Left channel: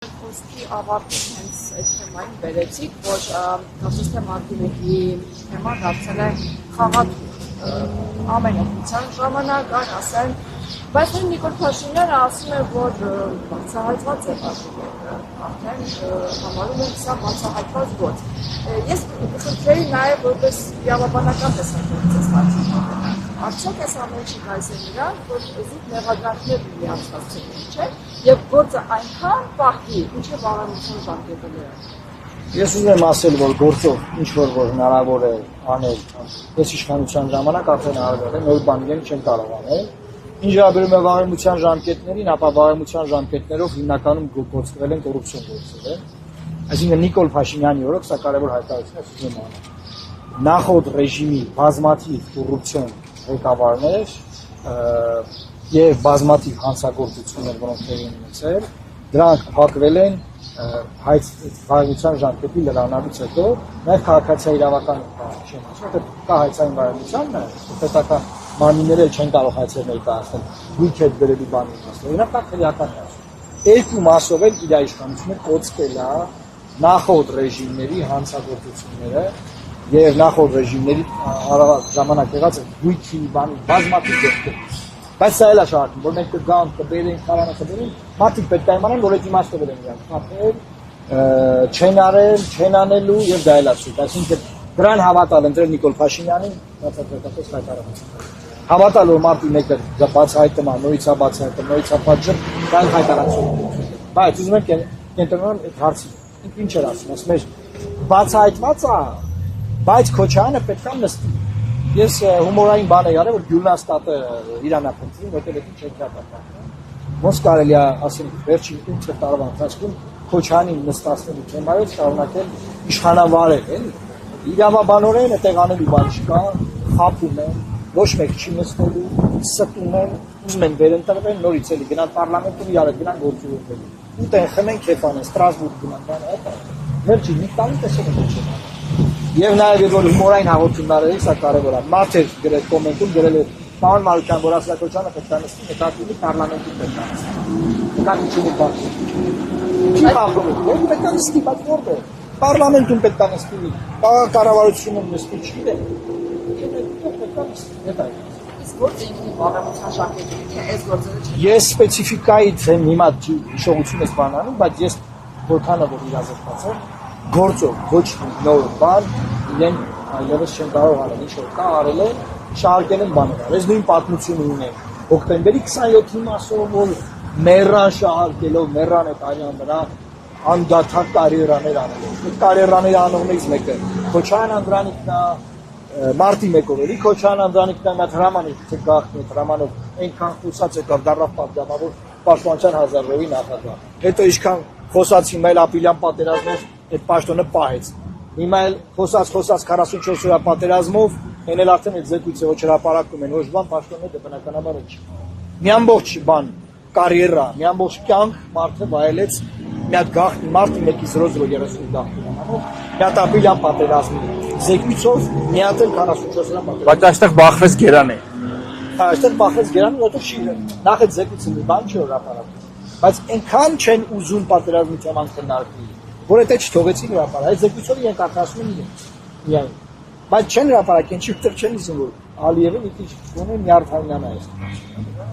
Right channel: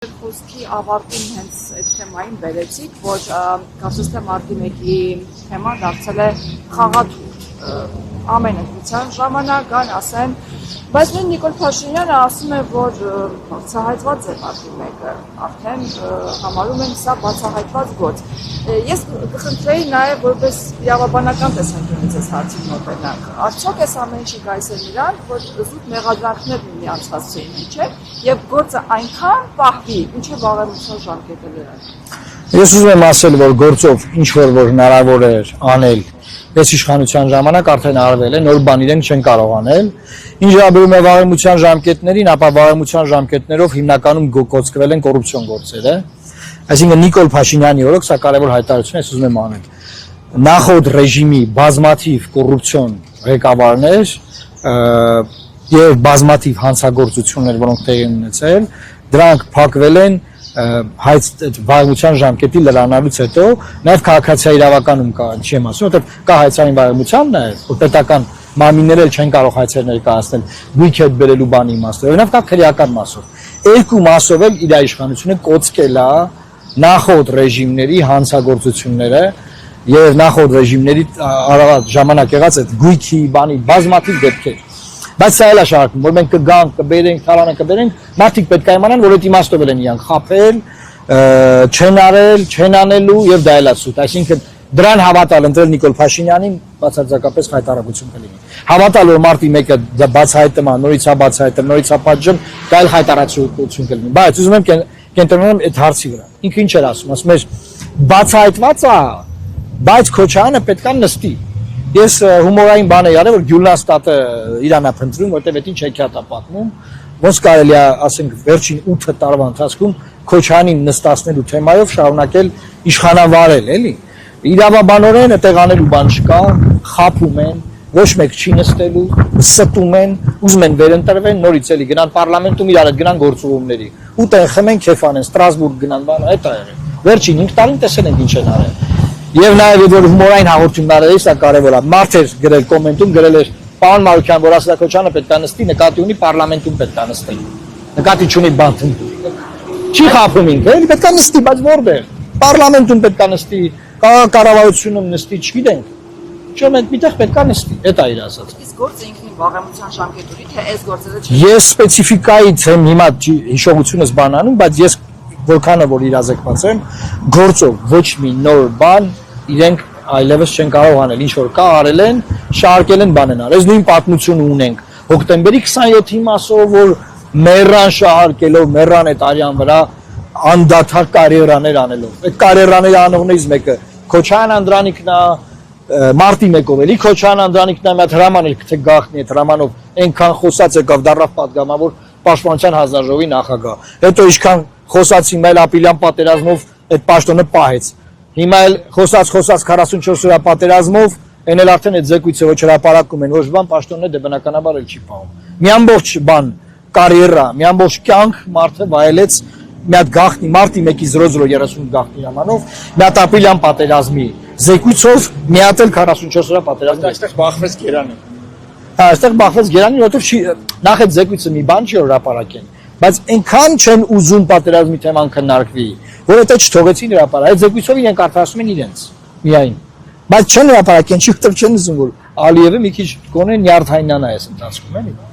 Խոսքի ավարտին հենց այդ թեմային բերեցիք, որ կարծես թե մարտի 1-ի թեման դարձել է խաղաթուղթ ամենօրյա ժամանակ, ասեմ, բայց նույն Նիկոլ Փաշինյանը ասում է, որ բացահայտված է մարտի 1-ը, արդեն համարում են սա բացահայտված գործ։ Ես կխնդրեի նաև որպես իրավաբանական տեսանկյունից այս հարցին մոտենանք։ Արդյոք այս ամենը չի կայսեր նրան, որ զուտ մեղադրանքներ միմյանց հասցեին, չէ՞, եւ գործը այնքան պահվի, ինչը վաղեմության ժամկետը դրան։ Ես ուզում եմ ասել, որ գործով ինչ որ հնարավոր էր անել, այս իշխանության ժամանակ արդեն արվել է, նոր բան իրենք չեն կարող անել։ Ինչ վերաբերում է վաղեմության ժամկետներին, ապա վաղեմության ժամկետներով հիմնականում կոծկվել են կոռուպցիոն գործերը։ Այսինքն Նիկոլ Փաշինյանի օրոք սա կարևոր հայտարարություն է, ես ուզում եմ անել։ Նախորդ ռեժիմի բազմաթիվ կոռուպցիոն ղեկավարներ եւ բազմաթիվ հանցագործություններ, որոնք տեղի են ունեցել, դրանք փակվել են վաղեմության ժամկետի լրանալուց հետո, նաև քաղաքացիական իրավականում կա, չեմ ասում, որտեղ կա հայցային վաղեմության նաև, որ պետական մարմինները չեն կարող հայցեր ներկայացնել գույք հետ բերելու բանի իմաստով, նաև կա քրեական մասով։ Երկու մասով էլ իր իշխանությունը կոծկել է նախորդ ռեժիմների հանցագործությունները եւ նախորդ ռեժիմների ժամանակ եղած այդ գույքի բանի բազմաթիվ դեպքեր։ Բայց սա էլ է շարքում, որ մենք կգանք, կբերենք, թարանը կբերենք, մարդիկ պետք է իմանան, որ այդ իմաստով են իրանք խաբել, չեն արել, չեն անելու եւ դա էլ է սուտ։ Այսինքն դրան հավատալ ընտրել Նիկոլ Փաշինյանին բացարձակապես հայտարարություն կլինի։ Հավատալ, որ մարտի 1-ը բացահայտում է, նորից է բացահայտում, նորից է պատժում, դա էլ հայտարարություն կլինի։ Բայց ուզում եմ կենտրոնանամ այդ հարցի վրա։ Ինքը ինչ էր ասում էր բացահայտված է, բայց Քոչարյանը պետք է նստի։ Ես հումորային բան եմ արել, որ Գյուլաստատը իրան է փնտրում, որտեղ այդ ինչ հեքիաթ է պատմում։ Ոնց կարելի է, ասենք, վերջին 8 տարվա ընթացքում Քոչարյանին նստացնելու թեմայով շարունակել իշխանավարել, էլի։ Իրավաբանորեն այդտեղ անելու բան չկա, խաբում են, ոչ մեկ չի նստելու, ստում են, ուզում են վերընտրվեն, նորից էլի գնան պարլամենտում իրար հետ գնան գործողումների։ Ու տեղ խմեն քեֆ անեն, Ստրասբուրգ գնան, բան, այդ է եղել։ Վերջին 5 տարին տեսել ենք ինչ են արել։ Եվ նաև որ հումորային հաղորդումները սա կարևոր է։ Մարդ էր գրել կոմենտում, գրել էր պարոն Մարուկյան, որ ասա Քոչարյանը պետք է նստի, նկատի ունի պարլամենտում պետք է նստի։ Նկատի չունի բանտում։ Չի խափում ինքը, էլի պետք է նստի, բայց որտեղ։ Պարլամենտում պետք է նստի, կառավարությունում նստի, չգիտենք։ Չէ՞ մենք միտեղ պետք է նստի, դա է իր ասած։ Իսկ գործը ինքնին վաղեմության ժամկետի թե այս գործերը չի։ Ես սպეციფიკայից եմ հիմա հիշողությունս բանանում, բայց ես որքանը որ իրազեկված եմ, գործով ոչ մի նոր բան իրենք այլևս չեն կարող անել, ինչ որ կա արել են, շարքել են բան են արել։ Այս նույն պատմությունը ունենք հոկտեմբերի 27-ի մասով, որ մեռան շահարկելով, մեռան այդ արյան վրա անդադար կարիերաներ անելով։ Այդ կարիերաների անողներից մեկը Քոչարյան Անդրանիկն է, մարտի 1-ով էլի Քոչարյան Անդրանիկն է, մի հրաման էր, թե գախնի այդ հրամանով այնքան խոսած եկավ դառավ պատգամավոր Պաշտպանության հանձնաժողովի նախագահ։ Հետո ինչքան խոսացի Մայլ Ապիլյան պատերազմով այդ պաշտոնը պահեց։ Հիմա էլ խոսած 44 օրյա պատերազմով, այն էլ արդեն այդ զեկույցը ոչ հրապարակում են, ոչ բան պաշտոնը դե բնականաբար էլ չի պահում։ Մի ամբողջ բան, կարիերա, մի ամբողջ կյանք մարդը վայելեց մի հատ գախնի մարտի 1-ի 0030 գախնի հրամանով, մի հատ Ապիլյան պատերազմի զեկույցով, մի հատ էլ 44 օրյա պատերազմ։ Այստեղ բախվեց Գերանի։ Այստեղ բախվեց Գերանի, որովհետև նախ այդ զեկույցը մի բան չի հրապարակեն, բայց այնքան չեն ուզում պատերազմի թեման քննարկվի, որովհետև չթողեցին հրապարակել։ Այդ զեկույցով իրենք արդարացնում են իրենց միայն։ Բայց չեն հրապարակեն, չի չեն ուզում որ Ալիևը մի քիչ գոնե նյարդայնանա այս ընթացքում էլի։